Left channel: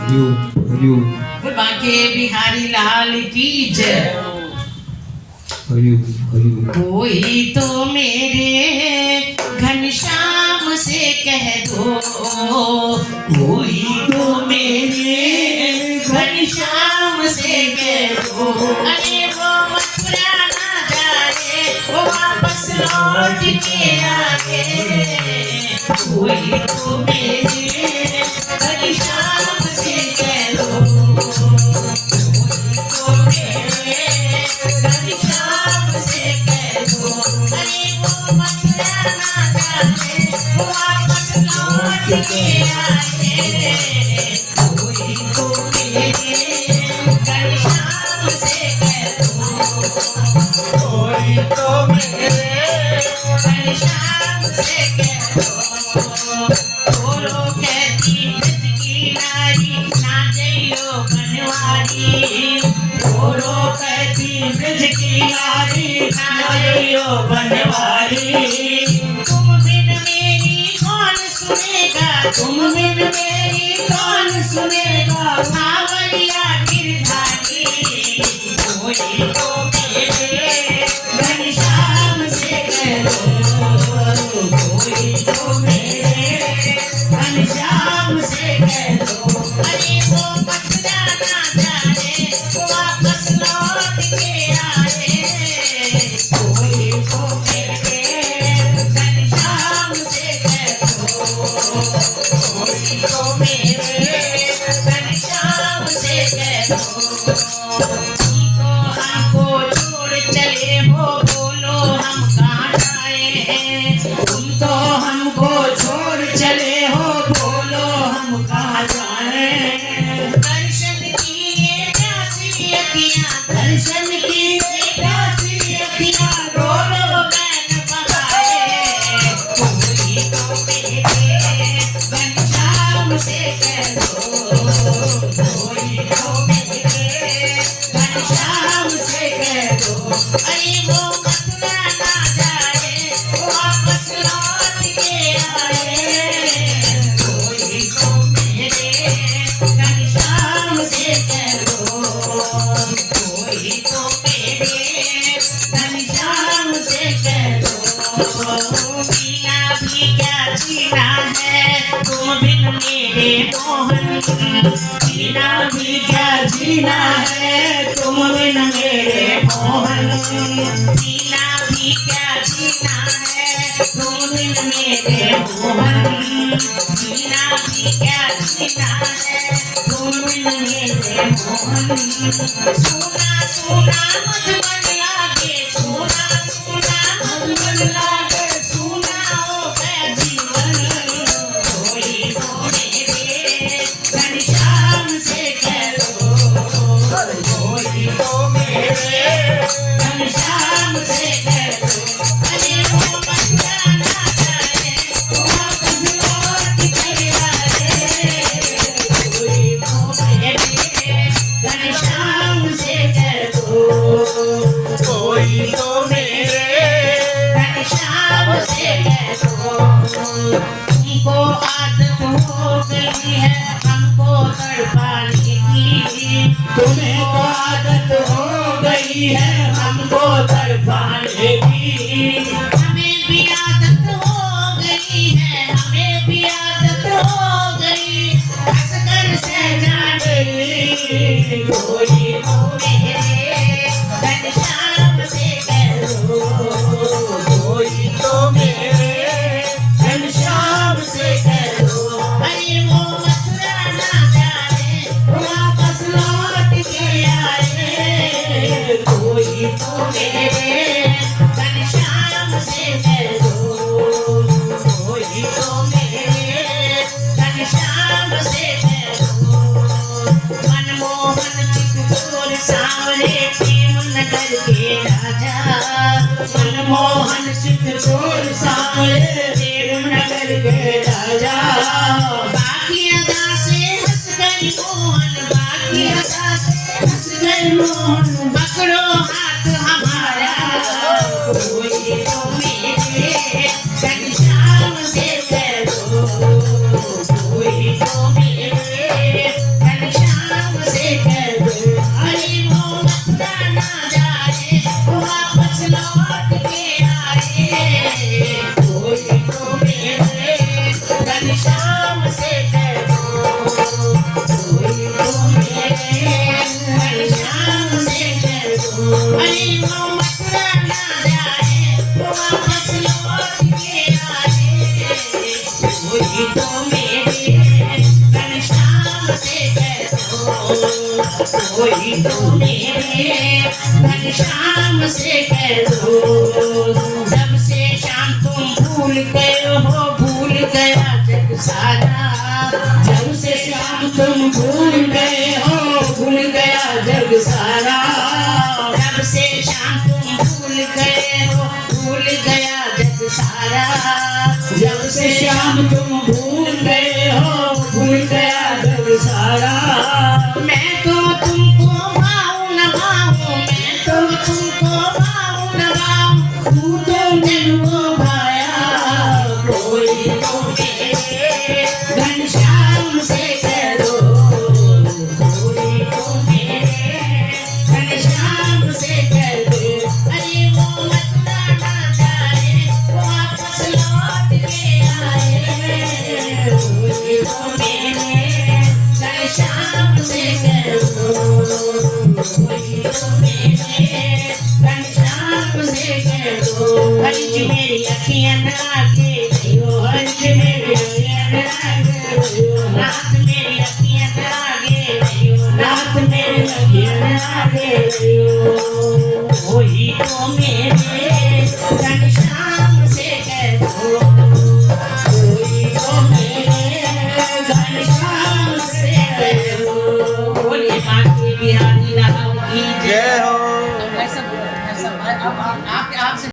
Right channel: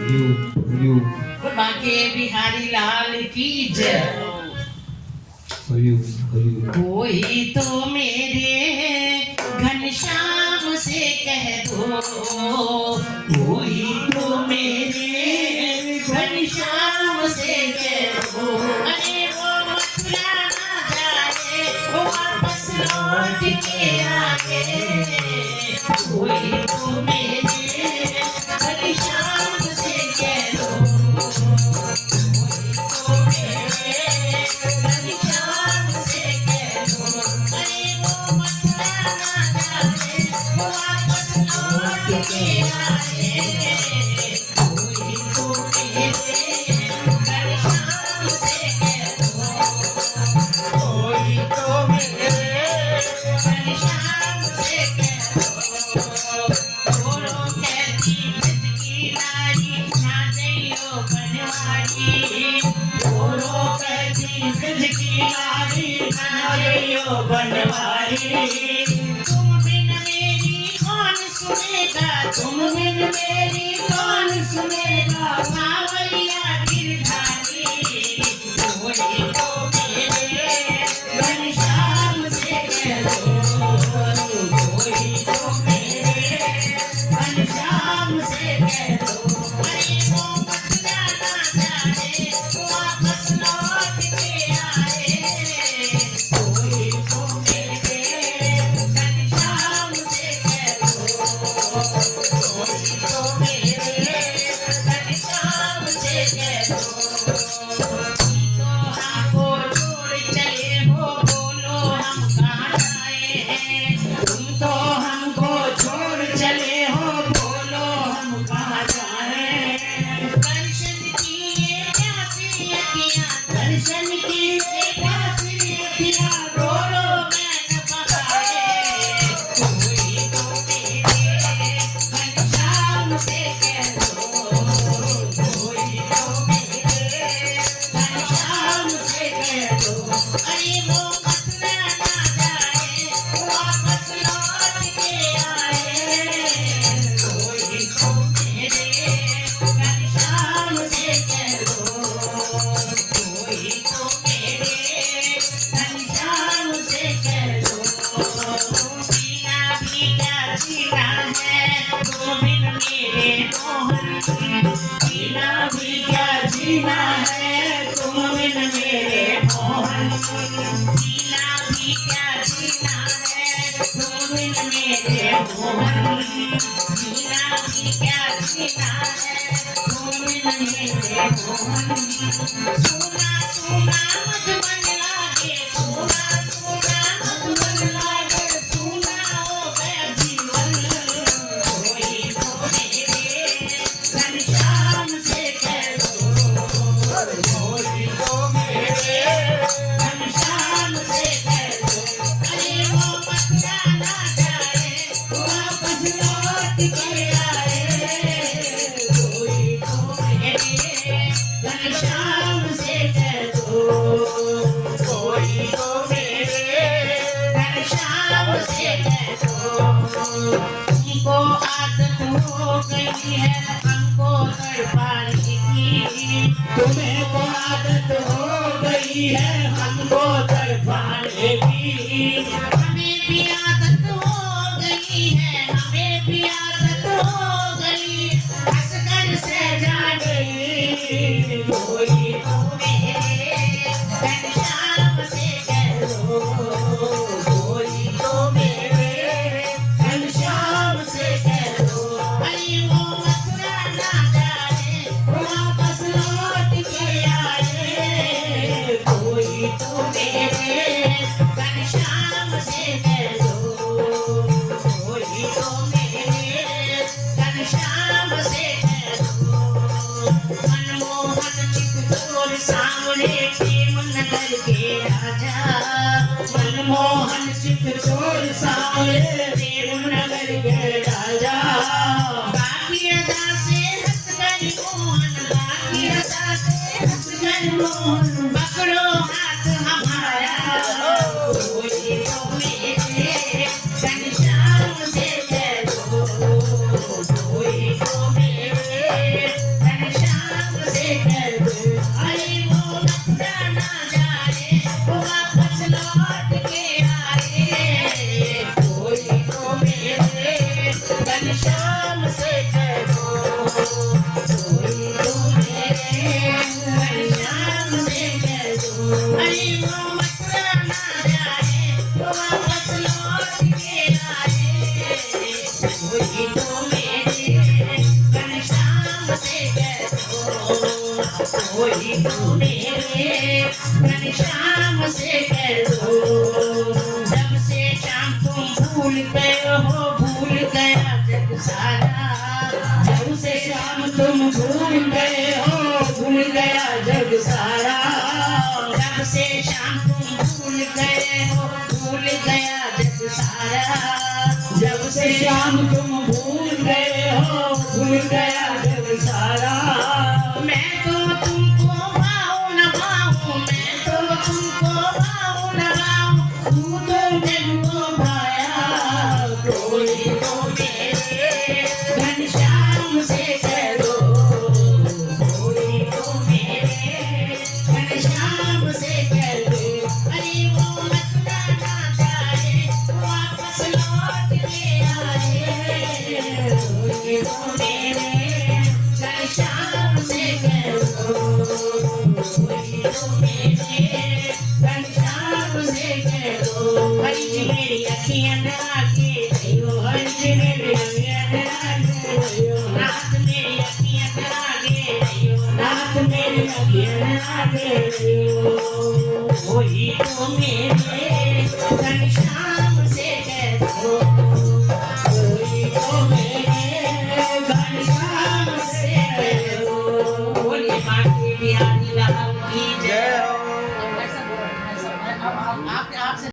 हरिओम बोल बाके बिहारी लाल की जय। हरिओम कोई तो मेरे घनश्याम से कह दो, कोई तो मेरे घनश्याम से कह दो, अरे वो मथुरा ना जाए, वो वापस लौट के आए। कोई तो मेरे घनश्याम से कह दो, कोई तो मेरे घनश्याम से कह दो, अरे वो मथुरा ना जाए, वो वापस लौट के आए। कोई तो मेरे घनश्याम से कह दो, कोई तो मेरे घनश्याम से कह दो। बोलो कहती ब्रज की नारी, ना जइयो बनवारी, बोलो कहती ब्रज की नारी, ना जइयो बनवारी। तुम बिन मेरी कौन सुनेगा, तुम बिन मेरी कौन सुनेगा, सावरिया गिरधारी। कोई तो मेरे घनश्याम से कह दो, कोई तो मेरे घनश्याम से कह दो, अरे वो मथुरा ना जाए, वो वापस लौट के आए। कोई तो मेरे घनश्याम से कह दो, कोई तो मेरे घनश्याम से कह दो। तो हमको छोड़ चले हो, बोलो हम कहाँ जाए, तुम तो हमको छोड़ चले हो, बोलो हम कहाँ जाए। दर्शन किए प्यासी अखियाँ, दर्शन किए प्यासी अखियाँ, रो रो बैन बहाए। कोई तो मेरे घनश्याम से कह दो, कोई तो मेरे घनश्याम से कह दो, अरे वो मथुरा ना जाए, वो वापस लौट के आए। कोई तो मेरे घनश्याम से कह दो, कोई तो मेरे घनश्याम से कह दो। जीना भी क्या जीना है, तुम बिन मेरे मोहन, जीना भी क्या जीना है, तुम बिन मेरे मोहन। जीना भी क्या जीना है, तुम बिन मेरे मोहन। जीना भी क्या जीना है, तुम बिन मेरे मोहन। सोना सोना मधुबन लागे, सोना सोना मधुबन लागे, सोना हो गया जीवन। कोई तो मेरे घनश्याम से कह दो, कोई तो मेरे घनश्याम से कह दो, अरे वो मथुरा ना जाए, वो वापस लौट के आए। कोई तो मेरे घनश्याम से कह दो, कोई तो मेरे घनश्याम से कह दो। तुमको आदत हो गई है हमको तड़पाने की, तुमको आदत हो गई है हमको तड़पाने की। हमें भी आदत हो गई है, हमें भी आदत हो गई, हंसकर सह जाने। कोई तो मेरे घनश्याम से कह दो, कोई तो मेरे घनश्याम से कह दो, अरे वो मथुरा ना जाए, वो वापस लौट के आए। कोई तो मेरे घनश्याम से कह दो, कोई तो मेरे घनश्याम से कह दो। मनमोहन चित्तौर सावरे प्रेम नगर के राजा, मनमोहन चित्तौर सावरे प्रेम नगर के राजा। बाकी अदा से हंस कर मोहन, बाकी अदा से हंस कर मोहन, पकड़ो हाथ हमारा। कोई तो मेरे घनश्याम से कह दो, कोई तो मेरे कोई तो मेरे घनश्याम से कह दो। जब से शाम तुम भूल गए हो, भूल गया जग सारा। जब से शाम तुम भूल गए हो, भूल गया जग सारा। जब से शाम तुम भूल गए हो, भूल गया जग सारा। जब से शाम तुम भूल गए हो, भूल गया जग सारा। मैं तो तुमको भाऊं न भाऊं, मैं तो तुमको भाऊं न भाऊं, तू तो मुझको भाया। कोई तो मेरे घनश्याम से कह दो, कोई तो मेरे घनश्याम से कह दो। अरे वो मथुरा ना जाए, वो वापस लौट के आए। कोई तो मेरे घनश्याम से कह दो, कोई तो मेरे घनश्याम से कह दो। हरि जी मेरी अखियाँ न आगे रहियो, हरि जी मेरी अखियाँ न आगे रहियो। नाथ मेरी अखियाँ न आगे रहियो, नाथ मेरी अखियाँ न आगे रहियो। कोई तो मेरे घनश्याम से कह दो, कोई तो मेरे घनश्याम से कह दो। बोलिए माँ की बिहारी राम की जय। जय हो। ऐसा आप